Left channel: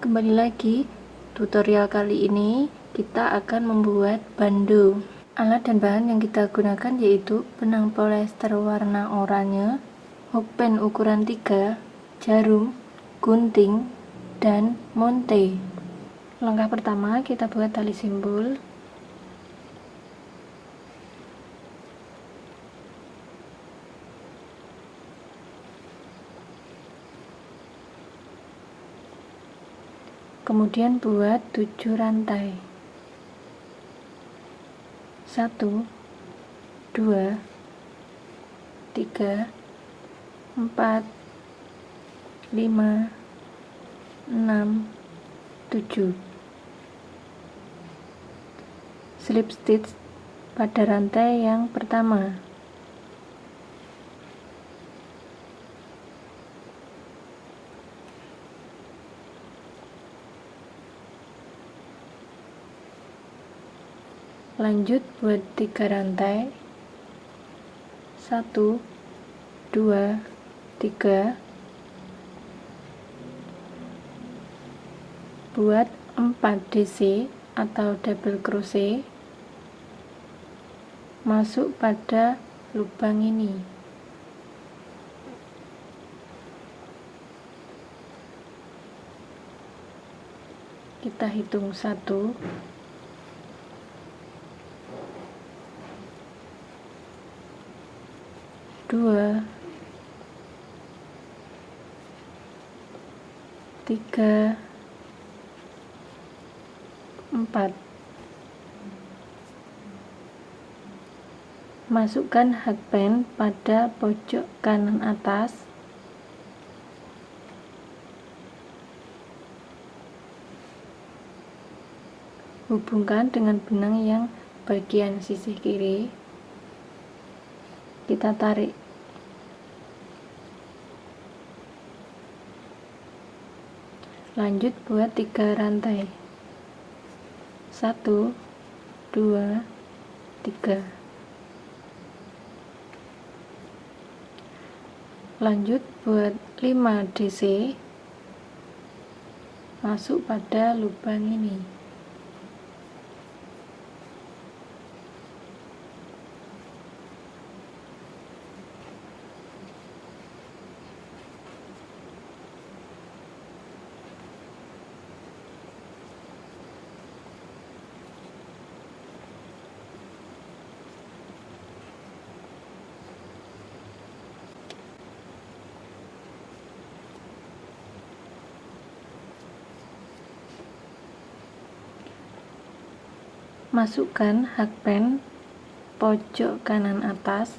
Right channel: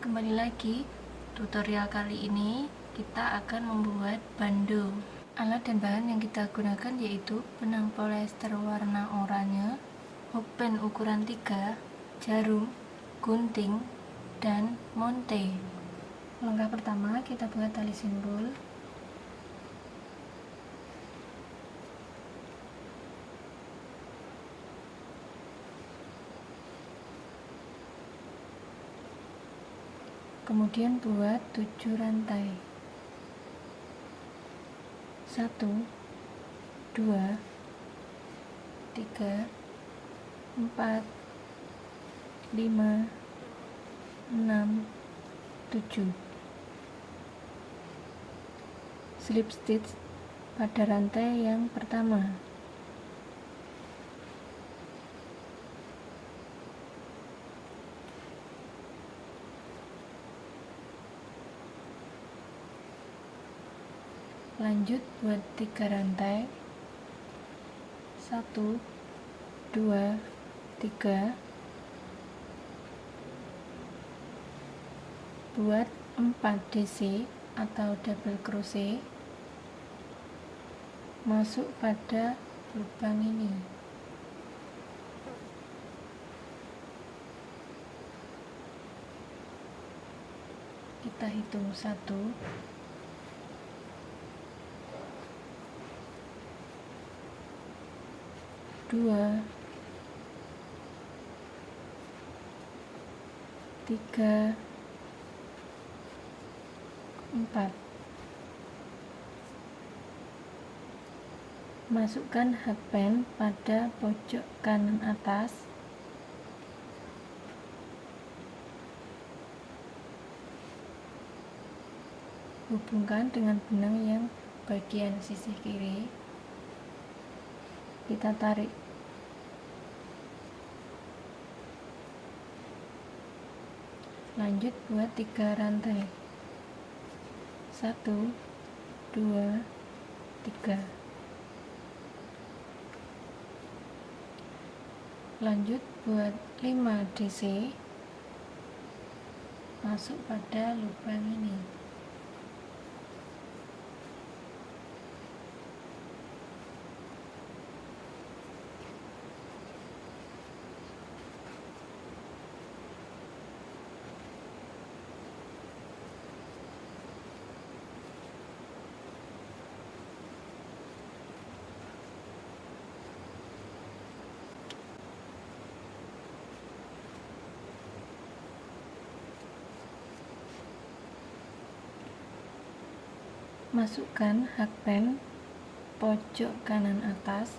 kembali lagi. Tutorial kali ini kita akan membuat bando. Alat dan bahan yang kita gunakan yaitu benang polyester warna oranye, hokpen ukuran 3, jarum, gunting, dan monte. Langkah pertama, kita buat tali simpul. Kemudian buat 7 rantai. 1 2 3 4 5 6 7. Slip stitch pada rantai yang pertama. Lanjut buat 3 rantai. 1 2 3. Buat 4 DC atau double crochet masuk pada lubang ini. Kita hitung 1 2 3 4. Masukkan hakpen pada pojok kanan atas. Hubungkan dengan benang yang bagian sisi kiri. Kita tarik. Lanjut buat 3 rantai. 1 2 3. Lanjut buat 5 DC masuk pada lubang ini. Masukkan hakpen pojok kanan atas,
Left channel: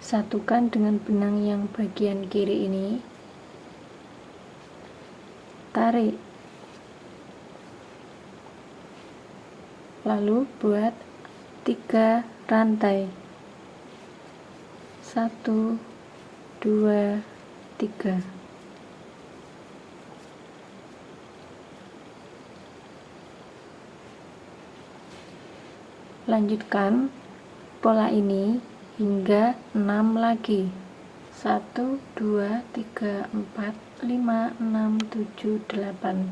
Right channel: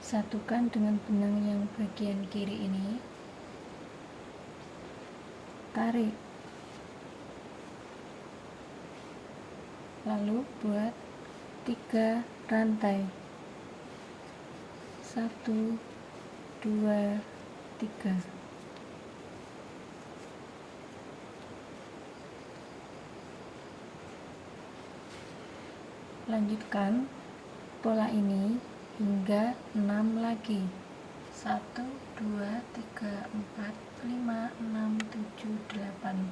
satukan dengan benang yang bagian kiri ini, tarik, lalu buat 3 rantai. 1 2 3. Lanjutkan pola ini hingga 6 lagi. 1 2 3 4 5 6 7 8.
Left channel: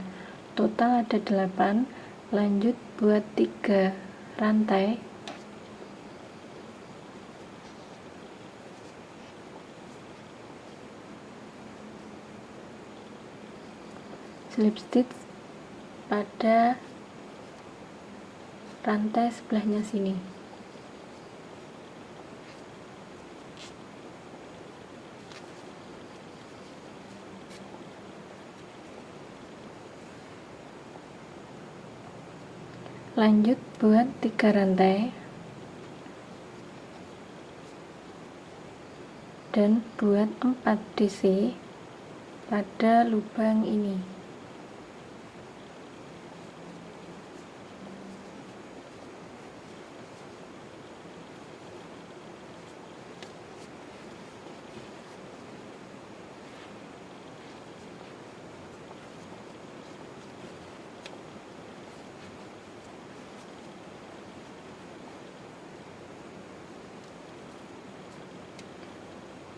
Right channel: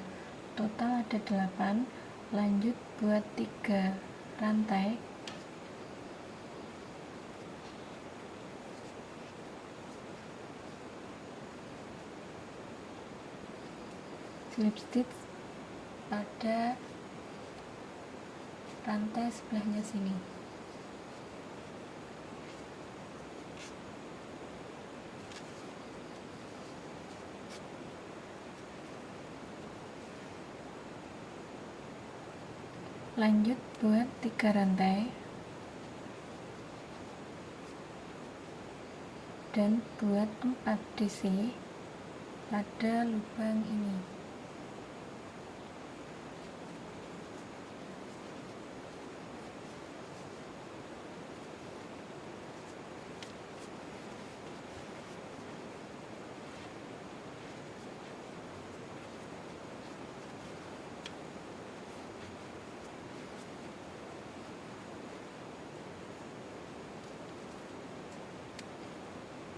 Total ada 8. Lanjut buat 3 rantai. Slip stitch pada rantai sebelahnya sini. Lanjut buat 3 rantai dan buat 4 DC pada lubang ini.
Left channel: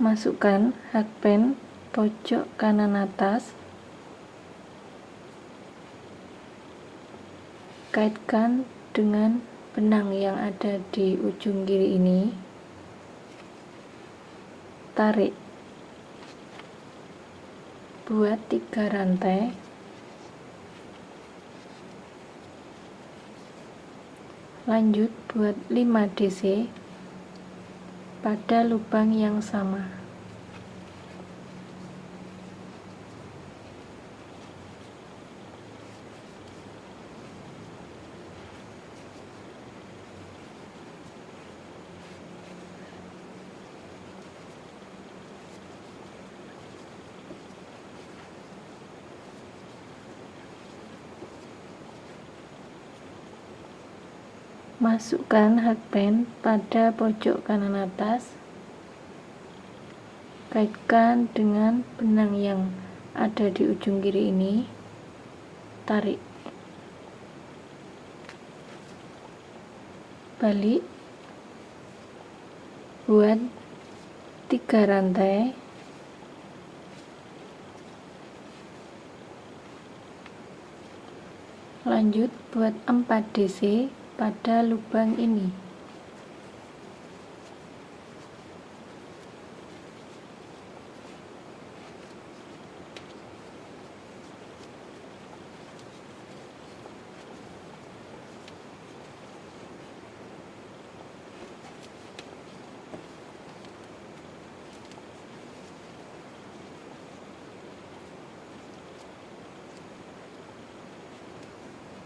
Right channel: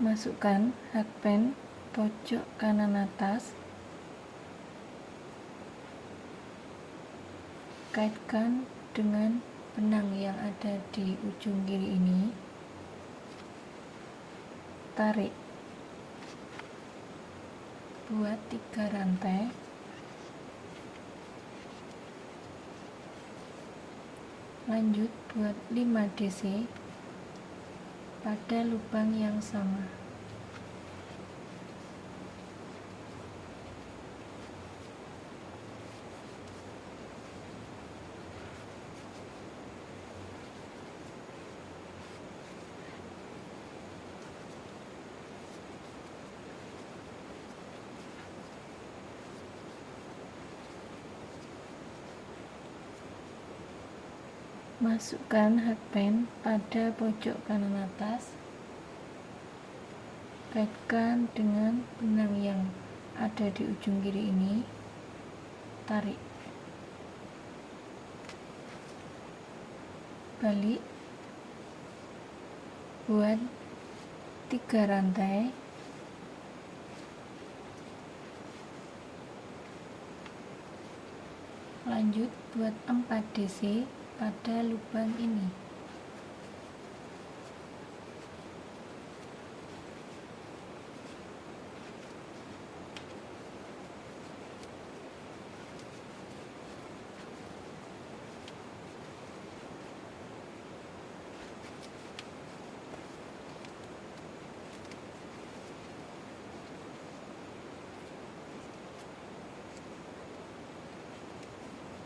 Masukkan hakpen pojok kanan atas, kaitkan dengan benang yang ada di ujung kiri ini, tarik, buat 3 rantai, lanjut buat 5 DC pada lubang yang sama. Masukkan hakpen pada pojok kanan atas, kaitkan dengan benang yang ada di ujung kiri ini, tarik, balik, buat 3 rantai, lanjut buat 4 DC pada lubang ini.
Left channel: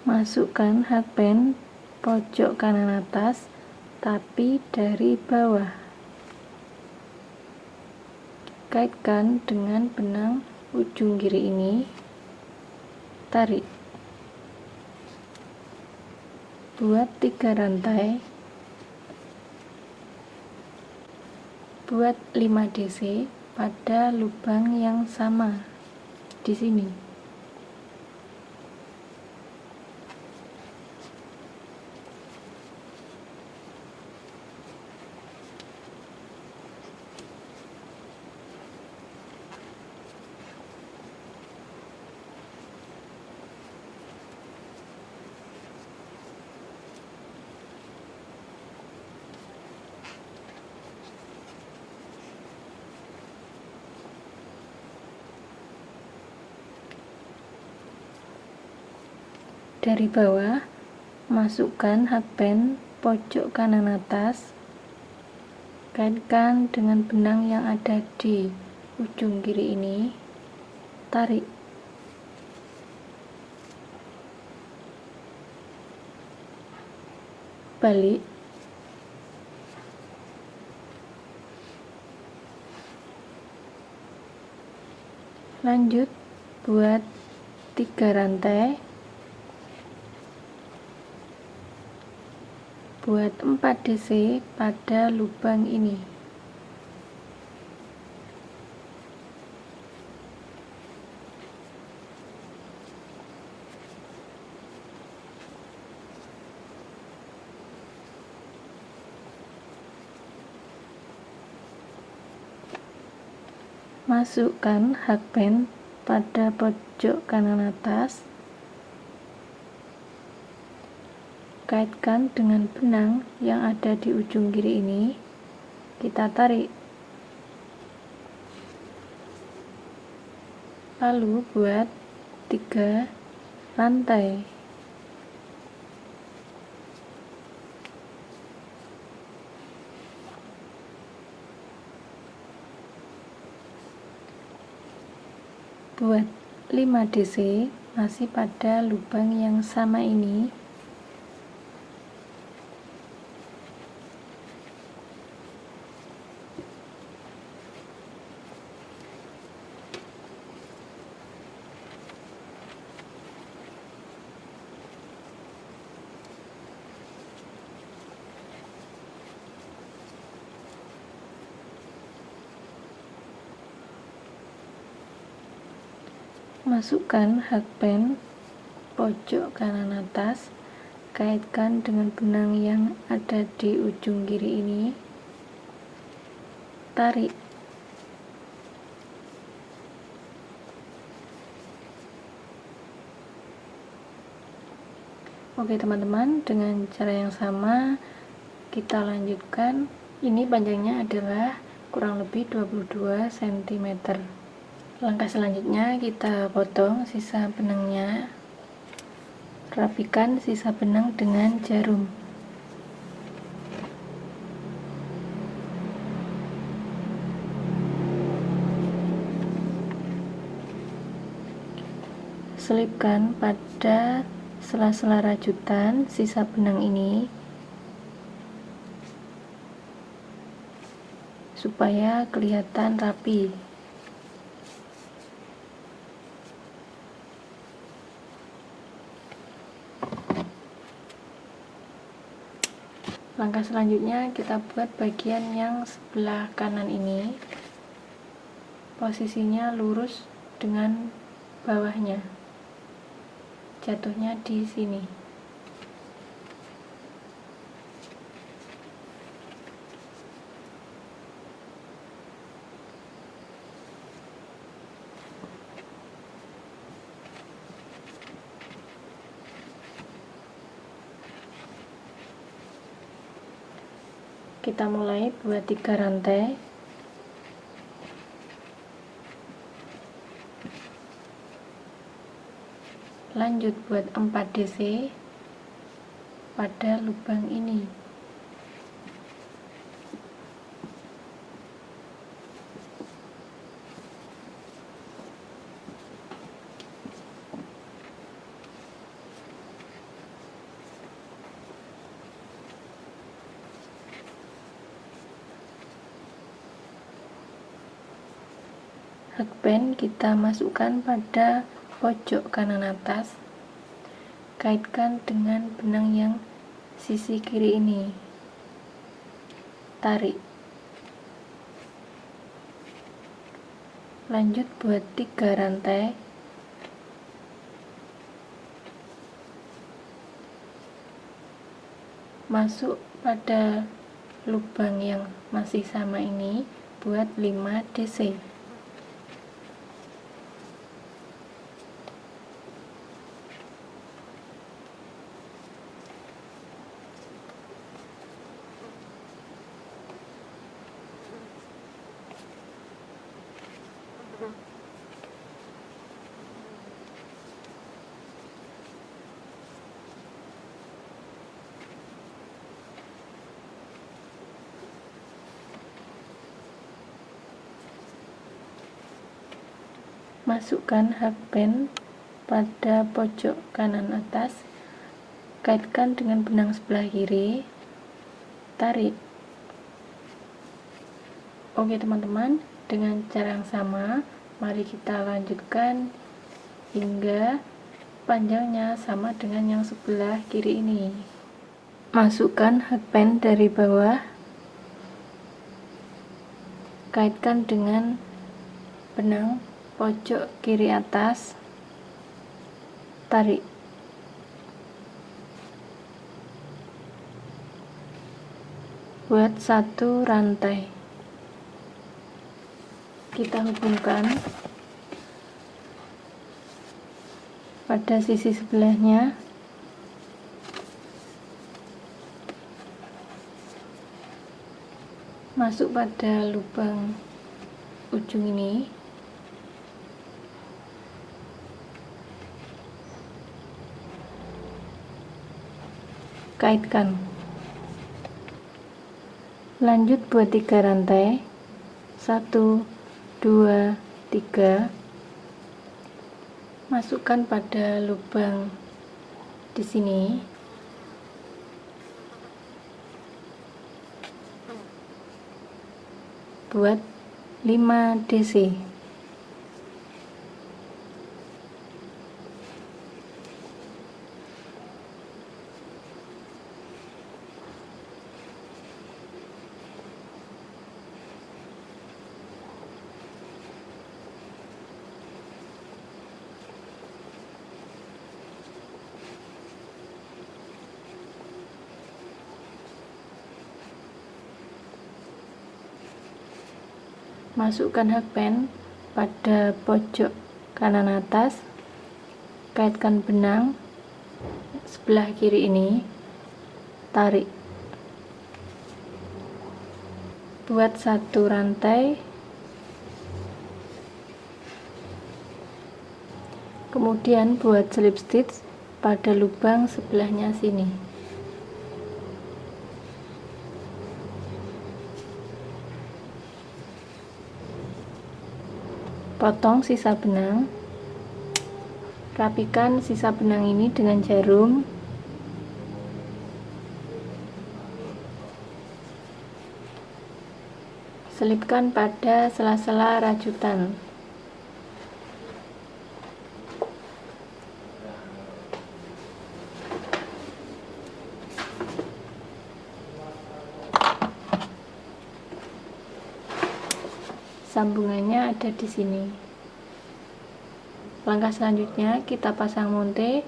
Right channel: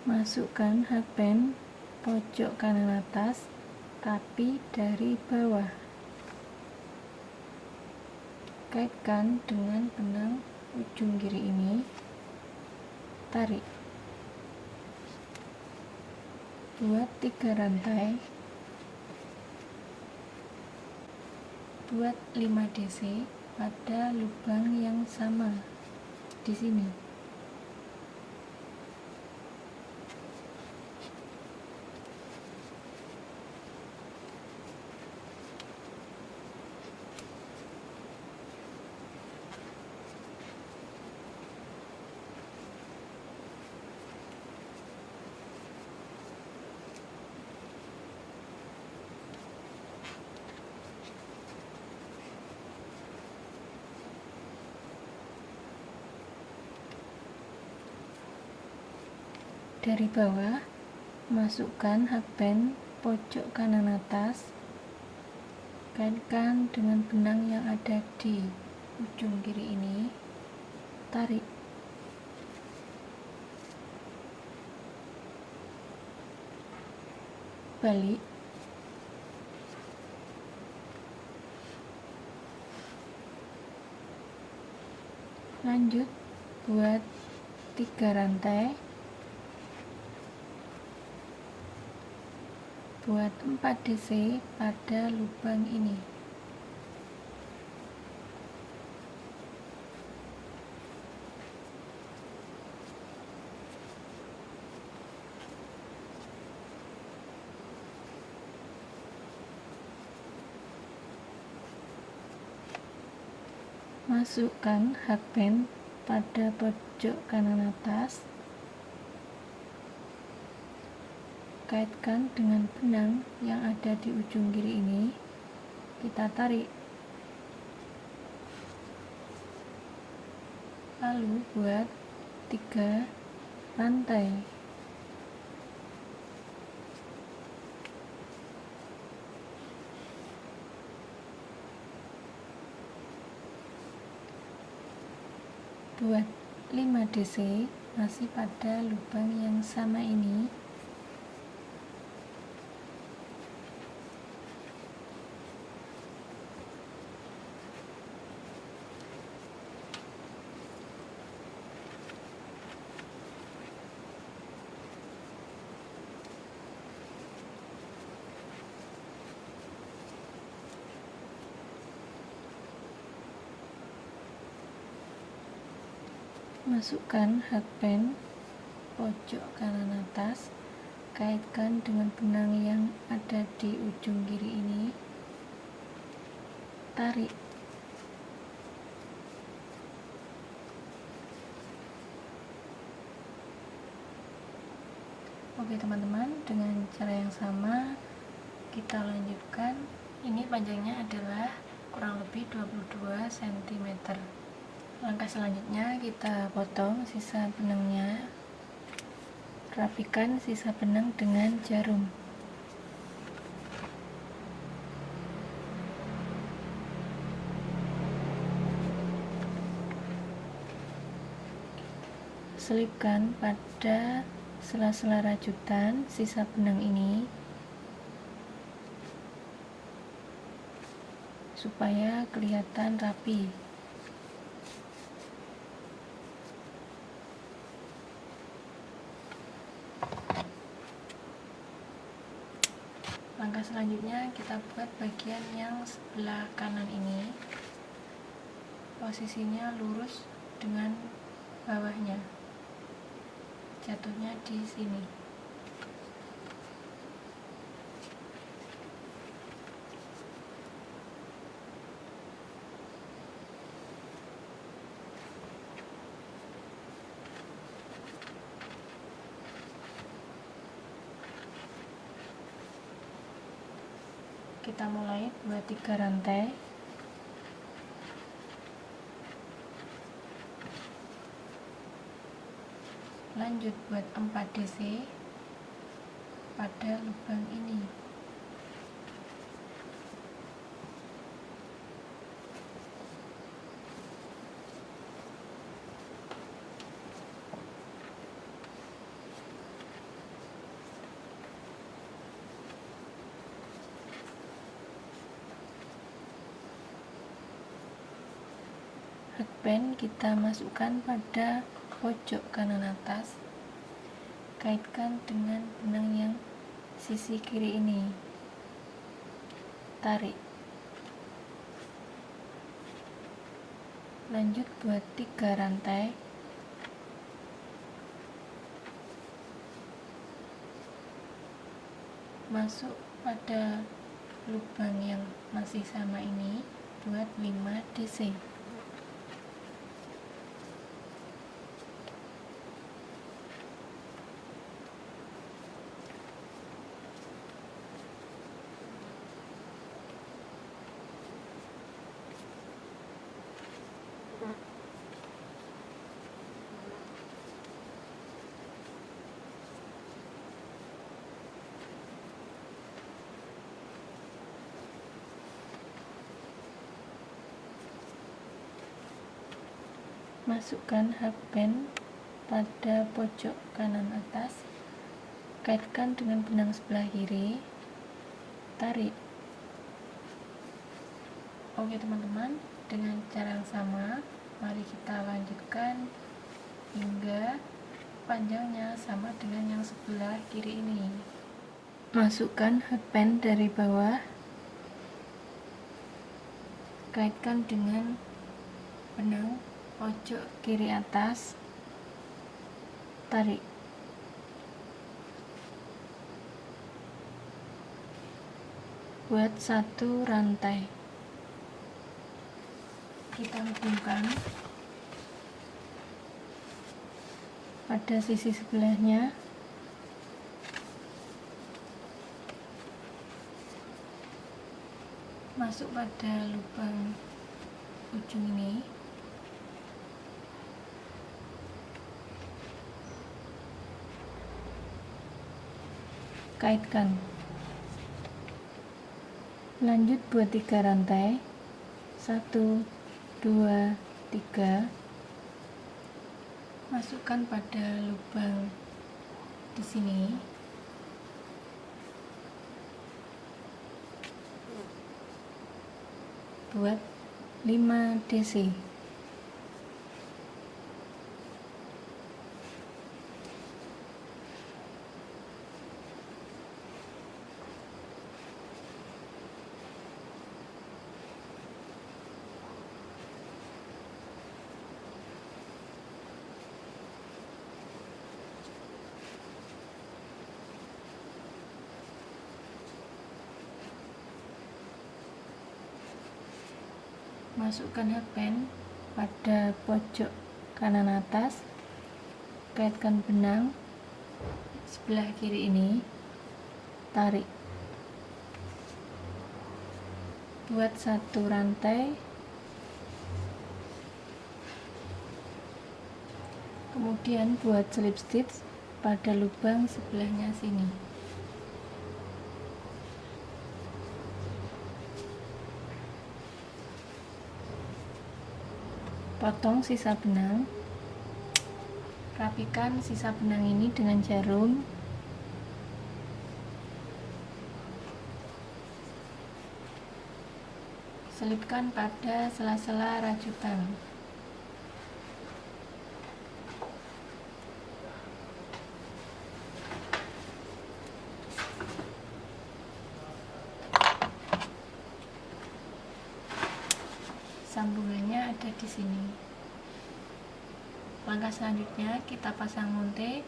Masukkan hakpen pojok kanan atas tapi dari bawah, kaitkan dengan benang ujung kiri ini, tarik, buat 3 rantai, buat 5 DC pada lubang yang sama di sini. Dari bawah, masukkan hakpen pojok kanan atas, kaitkan dengan benang yang ada di ujung kiri ini, tarik, balik, lanjut buat 3 rantai, buat 4 DC pada lubang ini. Masukkan hakpen pada pojok kanan atas, kaitkan dengan benang yang ada di ujung kiri ini, kita tarik, lalu buat 3 rantai, buat 5 DC masih pada lubang yang sama ini, masukkan hakpen pojok kanan atas, kaitkan dengan benang yang ada di ujung kiri ini, tarik, Oke teman-teman, dengan cara yang sama kita lanjutkan. Ini panjangnya adalah kurang lebih 22 cm. Langkah selanjutnya kita potong sisa benangnya. Rapikan sisa benang dengan jarum. Selipkan pada sela-sela rajutan sisa benang ini supaya kelihatan rapi. Langkah selanjutnya kita buat bagian yang sebelah kanan ini. Posisinya lurus dengan bawahnya. Jatuhnya di sini. Kita mulai buat 3 rantai. Lanjut buat 4 DC pada lubang ini. Hakband kita masukkan pada pojok kanan atas. Kaitkan dengan benang yang sisi kiri ini. Tarik. Lanjut buat 3 rantai. Masuk pada lubang yang masih sama ini buat 5 DC. Masukkan hakband pada pojok kanan atas, kaitkan dengan benang sebelah kiri, tarik. Oke teman-teman, dengan cara yang sama mari kita lanjutkan hingga panjangnya sama dengan yang sebelah kiri ini. Masukkan hakband dari bawah, kaitkan dengan benang pojok kiri atas, tarik. Buat 1 rantai. Kita hubungkan pada sisi sebelahnya. Masuk pada lubang ujung ini. Kaitkan. Lanjut buat 3 rantai. 1, 2, 3. Masukkan pada lubang di sini. Buat 5 DC. Masukkan hakband pada pojok kanan atas, kaitkan benang, sebelah kiri ini tarik, buat satu rantai, kemudian buat slip stitch pada lubang sebelahnya sini. Potong sisa benang, rapikan sisa benang ini dengan jarum, selipkan pada sela-sela rajutan. Sambungannya ada di sini. Langkah selanjutnya kita pasang monte.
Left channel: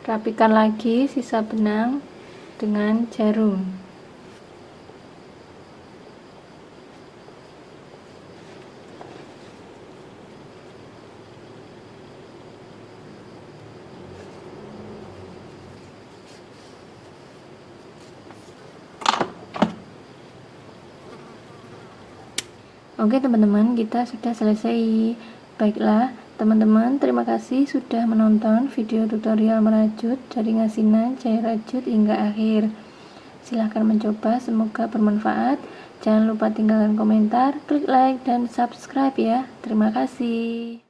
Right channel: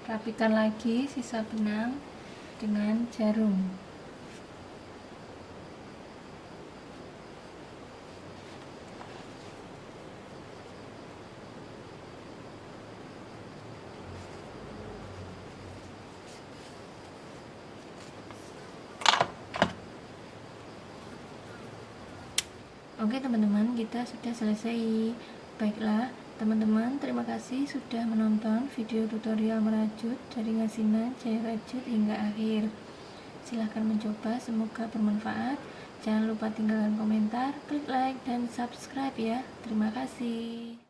Rapikan lagi sisa benang dengan jarum. Oke teman-teman, kita sudah selesai. Baiklah teman-teman, terima kasih sudah menonton video tutorial merajut jaring asinan cair rajut hingga akhir. Silahkan mencoba, semoga bermanfaat. Jangan lupa tinggalkan komentar, klik like, dan subscribe ya. Terima kasih.